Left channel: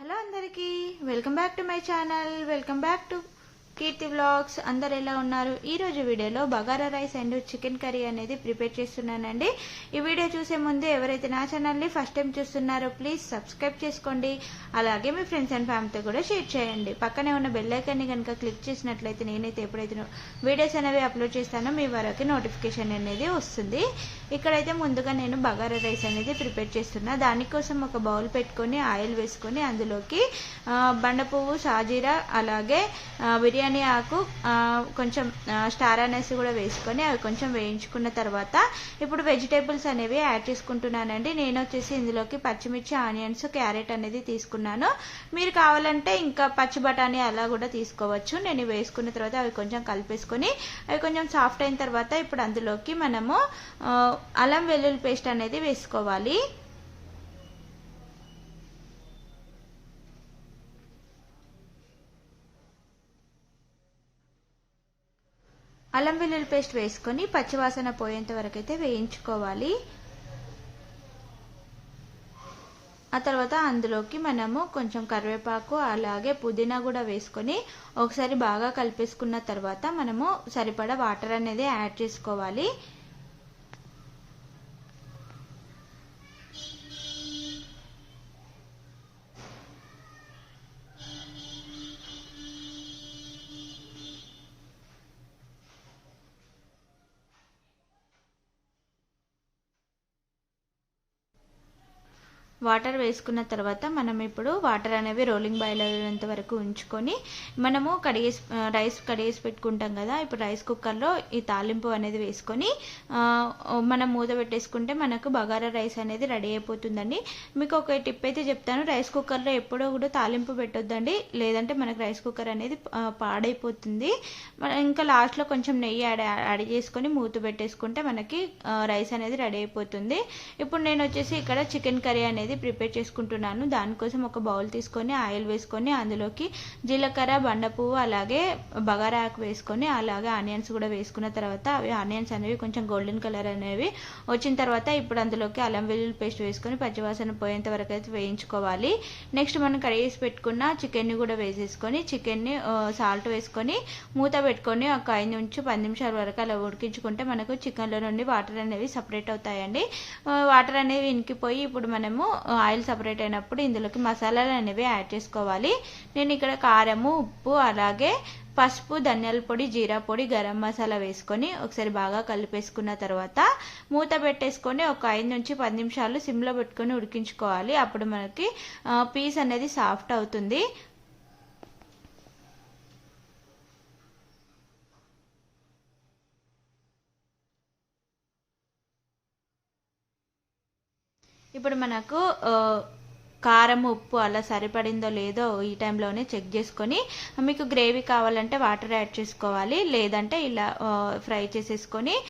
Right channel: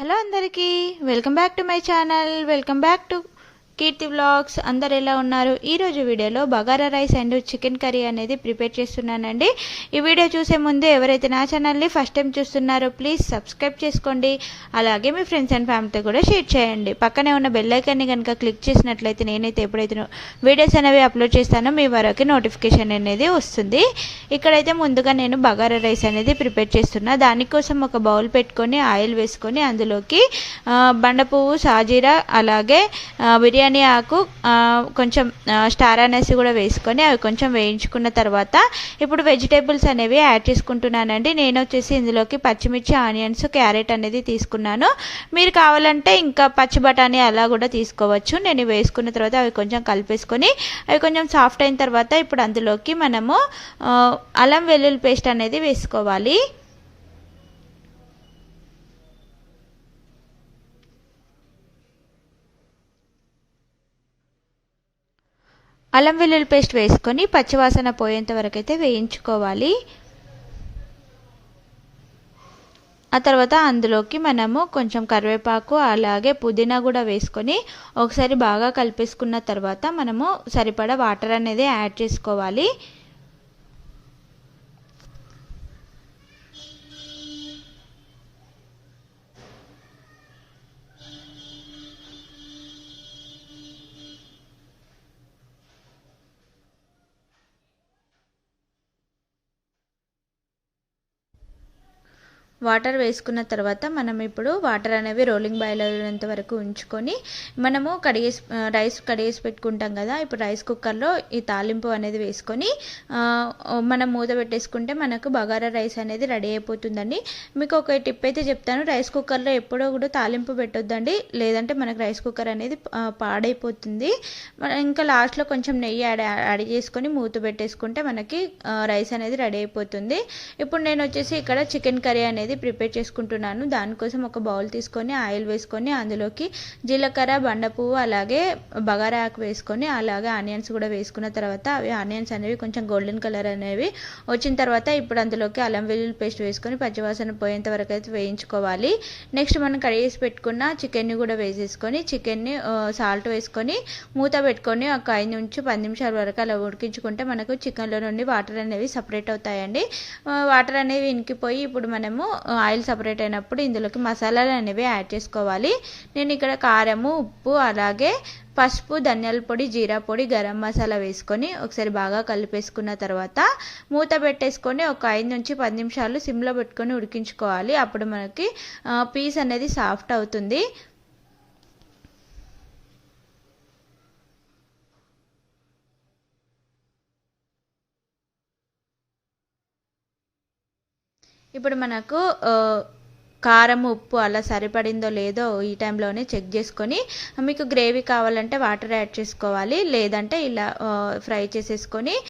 Hello అందరికీ welcome back to my channel. Welcome back to Keerthi vlogs. అందరు ఎలా ఉన్నారు? ఈరోజు వీడియోలో bagara rice and chicken curry అనేది ప్రిపేర్ చేస్తున్నానండి. ఈ వీడియో చూసే ముందు ఎవరైతే నా ఛానల్ని ఫస్ట్ టైం చూస్తున్నారో ప్లీజ్ సబ్స్క్రైబ్ చేసుకోండి. అలాగే మీ ఫ్రెండ్స్ అండ్ ఫ్యామిలీతో కూడా షేర్ చేయండి. పక్కనే ఉన్న బెల్ ఐకాన్ని కనుక క్లిక్ చేసినట్లయితే నేనైతే ఎప్పుడైతే వీడియోస్ అనేవి అప్లోడ్ చేస్తానో మీ వరకు నోటిఫికేషన్ అనేది వస్తుంది. ఇక్కడైతే ముందుగా నేను బగారా రైస్ అనేది ప్రిపేర్ చేస్తున్నా. దానికోసం ఒక బౌల్ పెట్టుకొని ఆయిల్ వేసుకొని అందులోకి బండ పువ్వు, సాజీరా, అలాగే బిర్యానీ ఆకు, కొంచెం స్టార్ అనేసి కూడా వేసుకొని అవి కొంచెం వేయించుకున్న తర్వాత ఇప్పుడు వెజిటేబుల్స్ అనేవి యాడ్ చేసుకుంటున్నానండి. నేను వచ్చేసి ఇందులోకి పచ్చిమిర్చి, ఆనియన్స్, క్యారెట్ అనేది తీసుకున్నాను. మీరు కావాలంటే ఇంకా పచ్చి బఠానీ అలా కూడా తీసుకోవచ్చు. నేను వేసుకున్న తర్వాత అవి కొంచెం కలిపేసుకొని అవి కొంచెం సాఫ్ట్ అయిన తర్వాత ఇప్పుడు అందులోకి మనము అల్లం వెల్లుల్లి పేస్ట్ అనేది వేసుకోవాలి. అల్లం వెల్లుల్లి పేస్ట్ వేసుకొని పచ్చివాసన పోయేంత వరకు అయితే వేయించుకోవాలి. ఆ తర్వాత అందులోకి మనము కొంచెం కరివేపాకు అలాగే పుదీనా కూడా వేసుకొని ఒకసారి బాగా కలిపేసుకున్న తర్వాత మనము సరిపడా వాటర్ అనేది యాడ్ చేసుకోవాలి. వాటర్ వేసుకున్న తర్వాత మనం ఇప్పుడు వాటర్ అనేవి రోలింగ్ బాయిల్ అయ్యేంత వరకు ఉంచుకొని మనము రైస్ కడిగేసి పెట్టుకుంటాం కదా. ఇప్పుడు రైస్ కుక్కర్లో ఈ తాలింపు అనేది వేసుకొని మనం మూత పెట్టేసుకుంటే మనకు బగారా రైస్ అనేది రెడీ అయిపోతుందండి. మీకు ఒక టిప్ అయితే చెప్తాను, రైస్ కుక్కర్లో ఎప్పుడో కూడా తాలింపు పెట్టొద్దండి, లేదంటే మనకు రైస్ కుక్కర్ అనేది పాడైపోతుంది. ఇంకా లాస్ట్లో కొంచెం నెయ్యి యాడ్ చేసుకొని మూత పెట్టేసుకుంటే మనకి రైస్ అనేది రెడీ అయిపోతుంది. ఇప్పుడు నేను వచ్చేసి ఇక్కడ చికెన్ కర్రీ అనేది ప్రిపేర్ చేసుకుంటున్నాను. దానికోసం ఒక బౌల్ తీసుకొని ఆయిల్ వేసుకొని అందులోకి జీలకర్ర, బండ పువ్వు, అలాగే బగారా ఆకు వేసుకొని అలాగే ఆనియన్స్ కూడా వేసుకున్న తర్వాత అవి ఆనియన్స్ అనేవి కొంచెం గోల్డెన్ కలర్ అనేవి వచ్చిన తర్వాత ఇప్పుడు అందులోకి అల్లం వెల్లుల్లి పేస్ట్ వేసుకొని పచ్చివాసన పోయేంత వరకు అయితే వేయించుకోవాలి. నెక్స్ట్ మనం కడిగేసి పెట్టుకున్న చికెన్ని కూడా వేసేసుకొని చికెన్ని సాల్ట్ వేసుకొని మూత పెట్టుకొని ఒక 5 నుంచి 10 నిమిషాల వరకు అలా ఉడికించుకుంటే మనకు చికెన్లో నుండి వాటర్ అనేవి సపరేట్ అవుతాయండి. వాటర్ అనేవి ఇంకిపోయి ఇప్పుడు మనము ఆయిల్ సపరేట్ అయినప్పుడు ఇందులోకి మసాలాలు అనేవి యాడ్ చేసుకోవాలి. నేను ఇక్కడ కారము, ఉప్పు, అలాగే పసుపు, ధనియాల పొడి, జీరా పొడి, గరం మసాలా వేసుకొని ఒకసారి బాగా కలిపేసుకున్న తర్వాత మూత పెట్టేసుకొని ఒక 5 నుంచి 10 నిమిషాలు సిమ్లో పెట్టుకొని ఉడికించుకోవాలి. అప్పుడు మనకి పీస్ అనేది సాఫ్ట్ అవుతుంది. ఇప్పుడు మనకు కారం, ఉప్పు అలా సరిపడిందో లేదో ఈ టైంలోనే చెక్ చేసుకొని మీకు గ్రేవీ కావాలంటే వాటర్ యాడ్ చేసుకోవాలి, లేదంటే ఇలా ఫ్రై చేసేసుకొని